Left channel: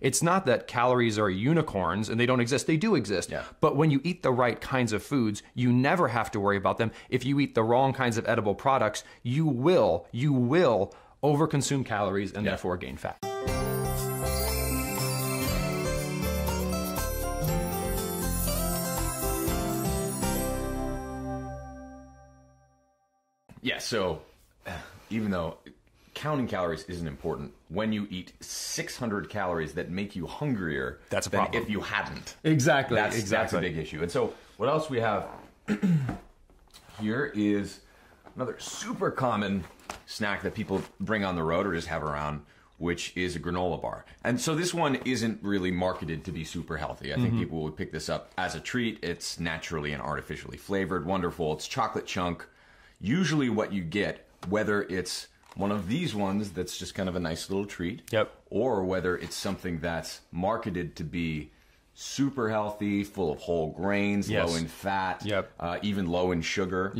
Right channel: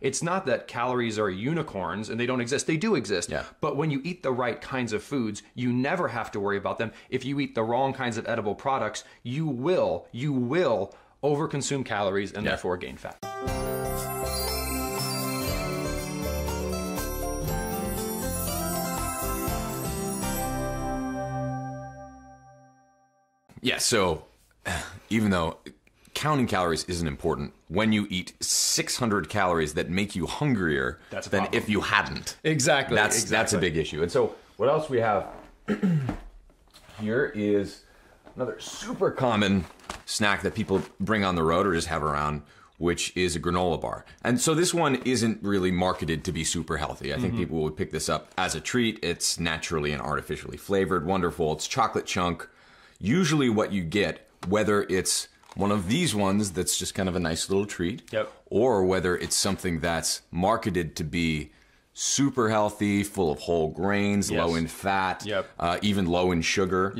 It's not that calories are unicorns and they don't exist. They do exist. Yeah. But when you eat the right kinds of foods, you never have to worry about them. If you eat the wrong kinds of edible products, you will overconsume calories and therefore gain fat. Yeah, so even though counting calories isn't important, when you eat 600 calories that make you hungrier than if you hadn't. Exactly. That's a big issue. And so what else we have here is another super common snack that people bring on the road or just have around, which is a granola bar. And so this one isn't really marketed to be super healthy. I think people would pick this up as a treat. It's naturally and artificially flavored, wonderful. It's chocolate chunk. Usually what you get, whether it's one of these ones that's just kind of a nice little treat, or whether it's something that's marketed to be super healthy, full of whole grains, low in fat, even low in sugar,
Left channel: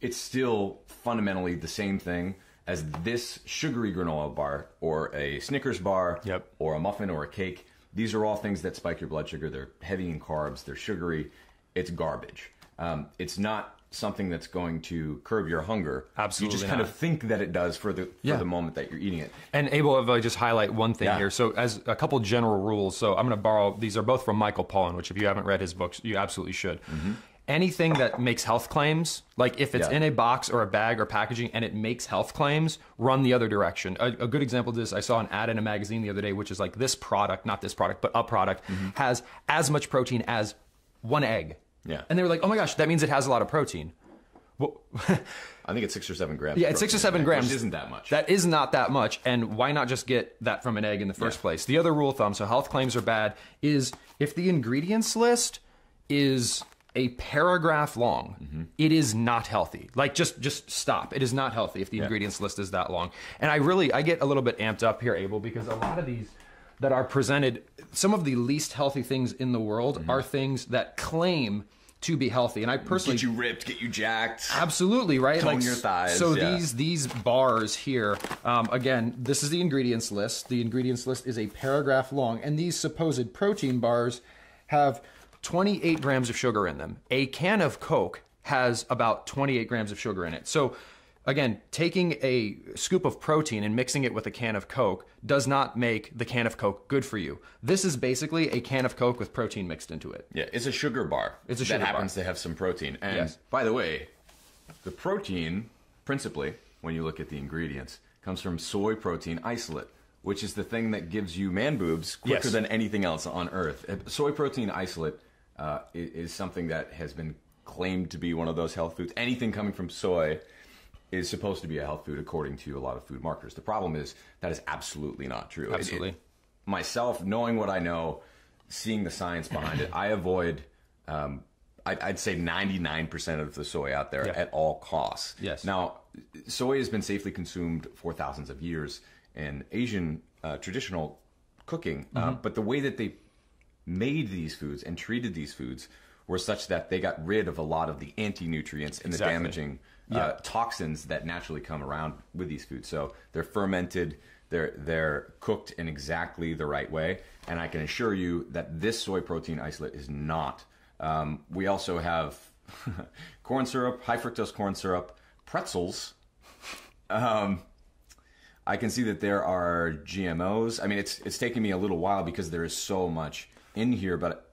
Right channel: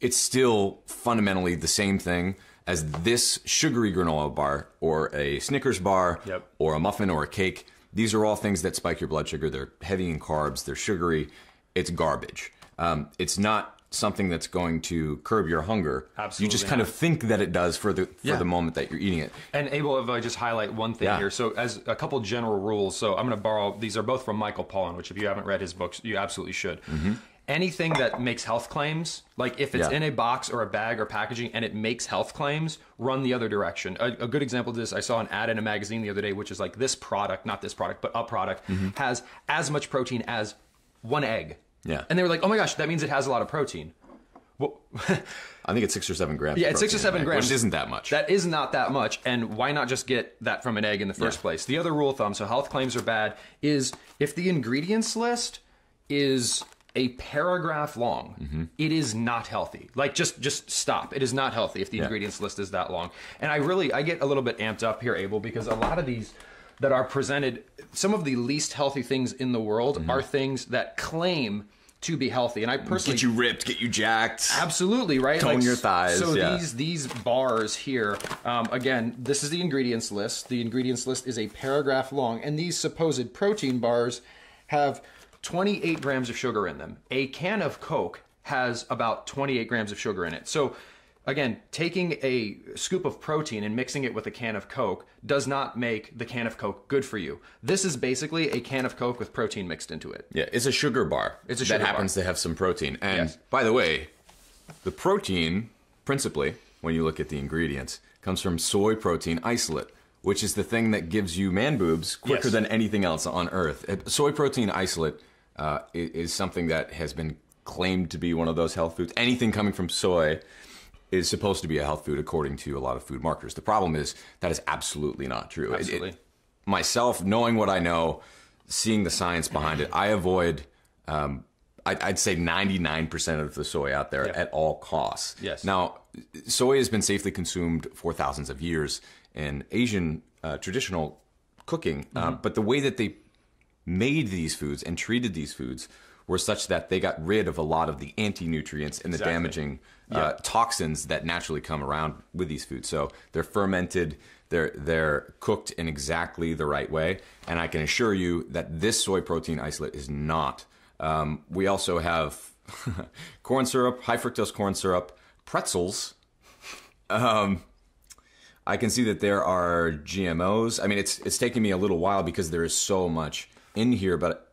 it's still fundamentally the same thing as this sugary granola bar or a Snickers bar or a muffin or a cake. These are all things that spike your blood sugar. They're heavy in carbs. They're sugary. It's garbage. It's not something that's going to curb your hunger. Absolutely. You just kind of think that it does for the moment that you're eating it. And Abel, if I just highlight one thing here. So as a couple general rules, so I'm going to borrow, these are both from Michael Pollan, which if you haven't read his books, you absolutely should. Anything that makes health claims, like if it's in a box or a bag or packaging and it makes health claims, run the other direction. A good example of this, I saw an ad in a magazine the other day, which is like this product, not this product, but a product, has as much protein as one egg. And they were like, oh my gosh, that means it has a lot of protein. Well, I think it's 6 or 7 grams. Yeah, it's 6 or 7 grams. Which isn't that much. That is not that much. And why not just get that from an egg in the first place? The other rule of thumb, so health claims are bad, is if the ingredients list is a paragraph long, it is not healthy. Like just stop. It is not healthy if the ingredients list is that long. And I get a little bit amped up here, Abel, because a lot of these that are presented, some of the least healthy things in the world are things that claim to be healthy. And I personally... Get you ripped, get you jacked. Absolutely, right? Tone your thighs. So these bars here, again, this is the ingredients list. The ingredients list is a paragraph long. And these supposed protein bars have 28 grams of sugar in them. A can of Coke has about 28 grams of sugar in it. So again, taking a scoop of protein and mixing it with a can of Coke does not make the can of Coke good for you. This is basically a can of Coke with protein mixed into it. Yeah, it's a sugar bar. It's a sugar that happens bar. to have some protein. And by the way, the protein, principally, when you look at the ingredients, comes from soy protein isolate, which is the thing that gives you man boobs quicker than anything else on Earth. Soy protein isolate is something that has been claimed to be one of those health foods. Anything coming from soy is supposed to be a health food according to a lot of food marketers. The problem is that is absolutely not true. Absolutely. Myself, knowing what I know, seeing the science behind it, I avoid, I'd say 99% of the soy out there at all costs. Now, soy has been safely consumed for thousands of years in Asian traditional cooking, but the way that they made these foods and treated these foods were such that they got rid of a lot of the anti-nutrients and the damaging toxins that naturally come around with these foods. So they're fermented, they're cooked in exactly the right way, and I can assure you that this soy protein isolate is not. We also have corn syrup, high fructose corn syrup, pretzels. I can see that there are GMOs. I mean, it's taking me a little while because there is so much in here, but...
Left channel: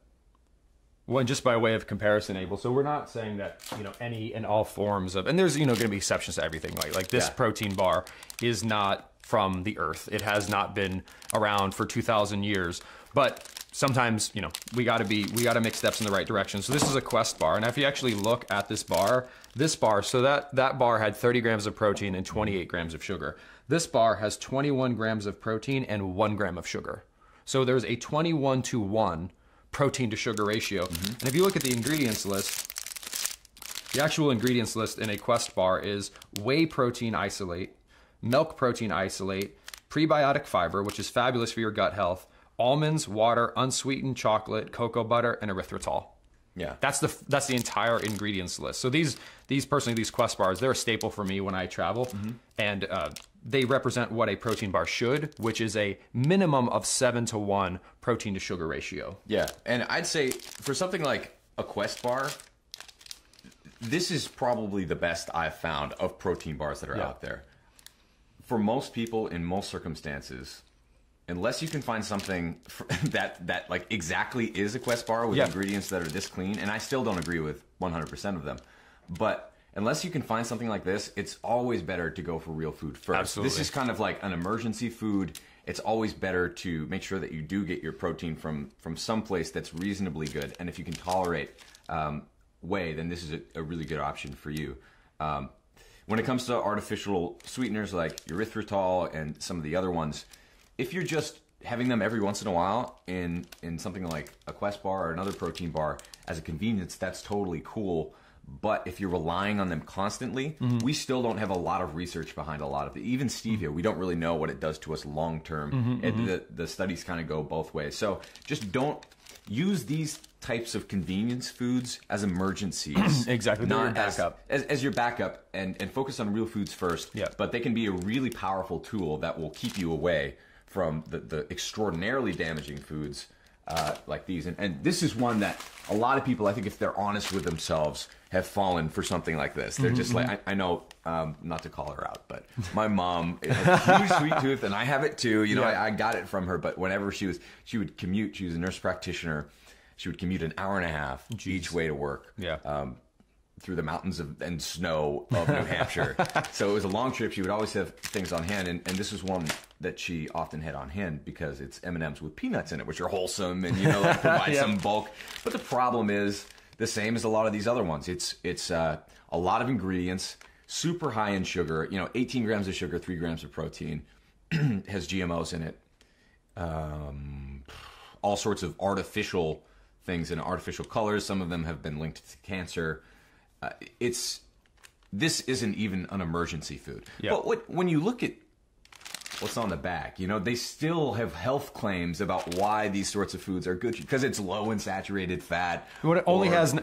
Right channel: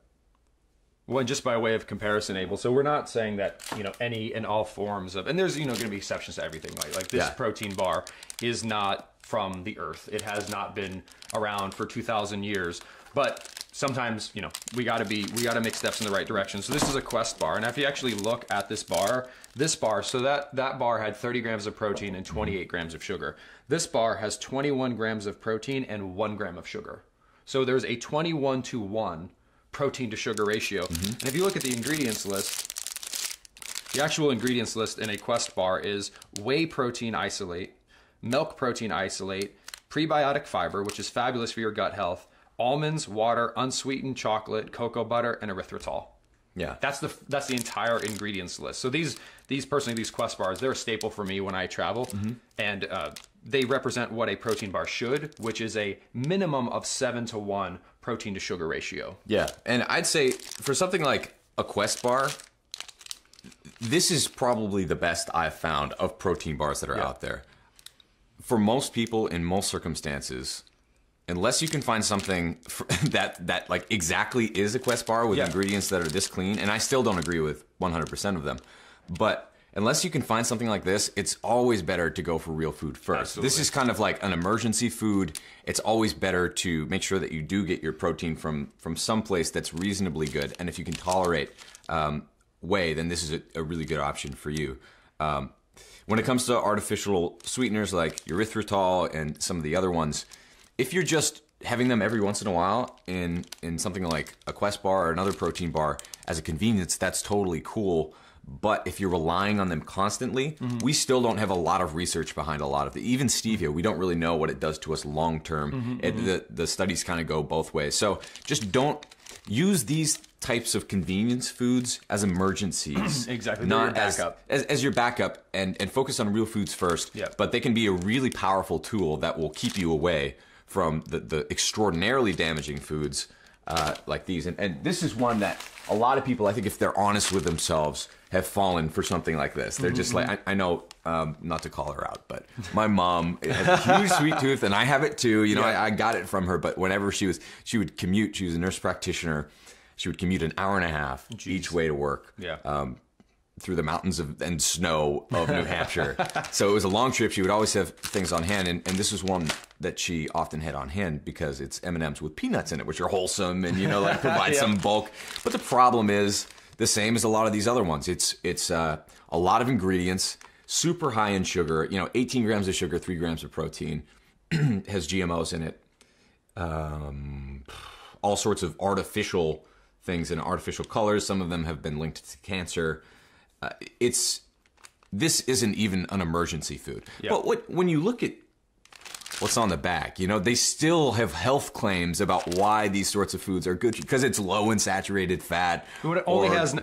Well, just by way of comparison, Abel, so we're not saying that, any and all forms of, and there's, going to be exceptions to everything, right? Like this protein bar is not from the earth. It has not been around for 2,000 years, but sometimes, we gotta make steps in the right direction. So this is a Quest bar. And if you actually look at this bar, so that bar had 30 grams of protein and 28 grams of sugar. This bar has 21 grams of protein and 1 gram of sugar. So there's a 21-to-1 protein to sugar ratio. And if you look at the ingredients list, the actual ingredients list in a Quest bar is whey protein isolate, milk protein isolate, prebiotic fiber, which is fabulous for your gut health, almonds, water, unsweetened chocolate, cocoa butter, and erythritol. Yeah, that's the entire ingredients list. So these Quest bars, they're a staple for me when I travel, and they represent what a protein bar should, which is a minimum of 7-to-1 protein to sugar ratio. Yeah, and I'd say for something like a Quest bar, this is probably the best I've found of protein bars that are out there. For most people in most circumstances, unless you can find something that like exactly is a Quest bar with ingredients that are this clean, and I still don't agree with 100% of them, but unless you can find something like this, it's always better to go for real food first. Absolutely. This is kind of like an emergency food. It's always better to make sure that you do get your protein from some place that's reasonably good, and if you can tolerate whey, then this is a really good option for you. When it comes to artificial sweeteners like erythritol and some of the other ones, if you're just having them every once in a while in something like a Quest bar or another protein bar as a convenience, that's totally cool. But if you're relying on them constantly, we still don't have a lot of research behind a lot of even stevia. We don't really know what it does to us long term. The studies kind of go both ways. So just don't use these types of convenience foods as emergencies. Exactly. Not as your backup, and focus on real foods first. Yeah. But they can be a really powerful tool that will keep you away from the extraordinarily damaging foods like these. And this is one that a lot of people, I think if they're honest with themselves, have fallen for something like this. They're just like, I know, not to call her out, but my mom has a huge sweet tooth, and I have it too. You know, I got it from her, but whenever she would commute, she was a nurse practitioner, she would commute an hour and a half each way to work. Through the mountains and snow of New Hampshire. So it was a long trip. She would always have things on hand, and this was one that she often had on hand because it's M&Ms with peanuts in it, which are wholesome and, you know, like provide some bulk. But the problem is the same as a lot of these other ones. It's a lot of ingredients, super high in sugar, you know, 18 grams of sugar, 3 grams of protein, has GMOs in it, all sorts of artificial things and artificial colors. Some of them have been linked to cancer. This isn't even an emergency food. But when you look at what's on the back, you know, they still have health claims about why these sorts of foods are good, because it's low in saturated fat. It only has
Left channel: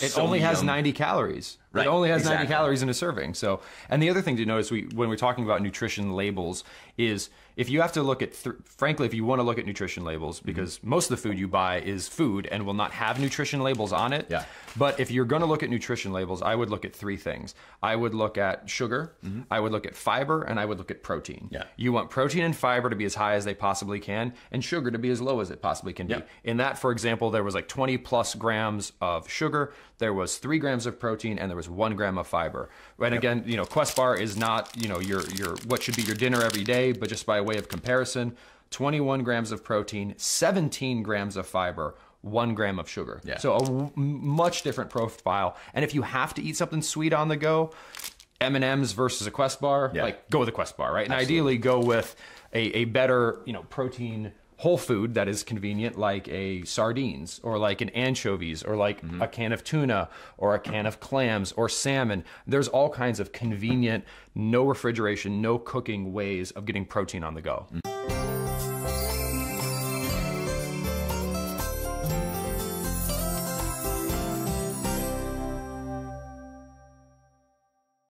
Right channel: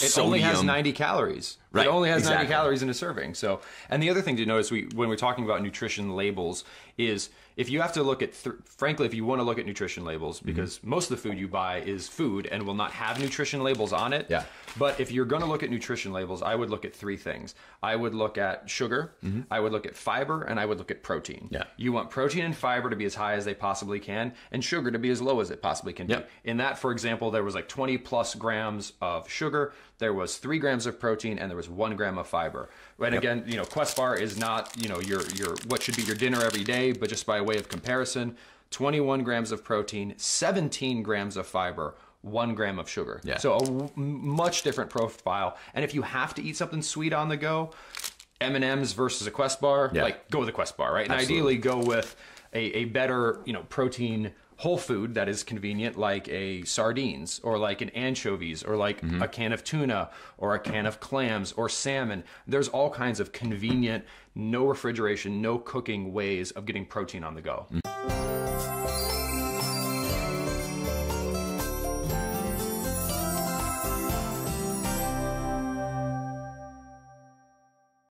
90 calories. Right. It only has 90 calories in a serving. So, and the other thing to notice when we're talking about nutrition labels is if you have to look at, frankly, if you want to look at nutrition labels, because most of the food you buy is food and will not have nutrition labels on it. But if you're going to look at nutrition labels, I would look at 3 things. I would look at sugar, I would look at fiber, and I would look at protein. You want protein and fiber to be as high as they possibly can, and sugar to be as low as it possibly can be. In that, for example, there was like 20 plus grams of sugar, there was 3 grams of protein, and there was 1 gram of fiber. And again, you know, Quest bar is not, you know, your what should be your dinner every day, but just by way of comparison, 21 grams of protein, 17 grams of fiber, 1 gram of sugar. So a much different profile. And if you have to eat something sweet on the go, M&Ms versus a Quest bar, like go with a Quest bar, right? And ideally go with a better, you know, protein whole food that is convenient, like a sardines or like an anchovies or like a can of tuna or a can of clams or salmon. There's all kinds of convenient, no refrigeration, no cooking ways of getting protein on the go.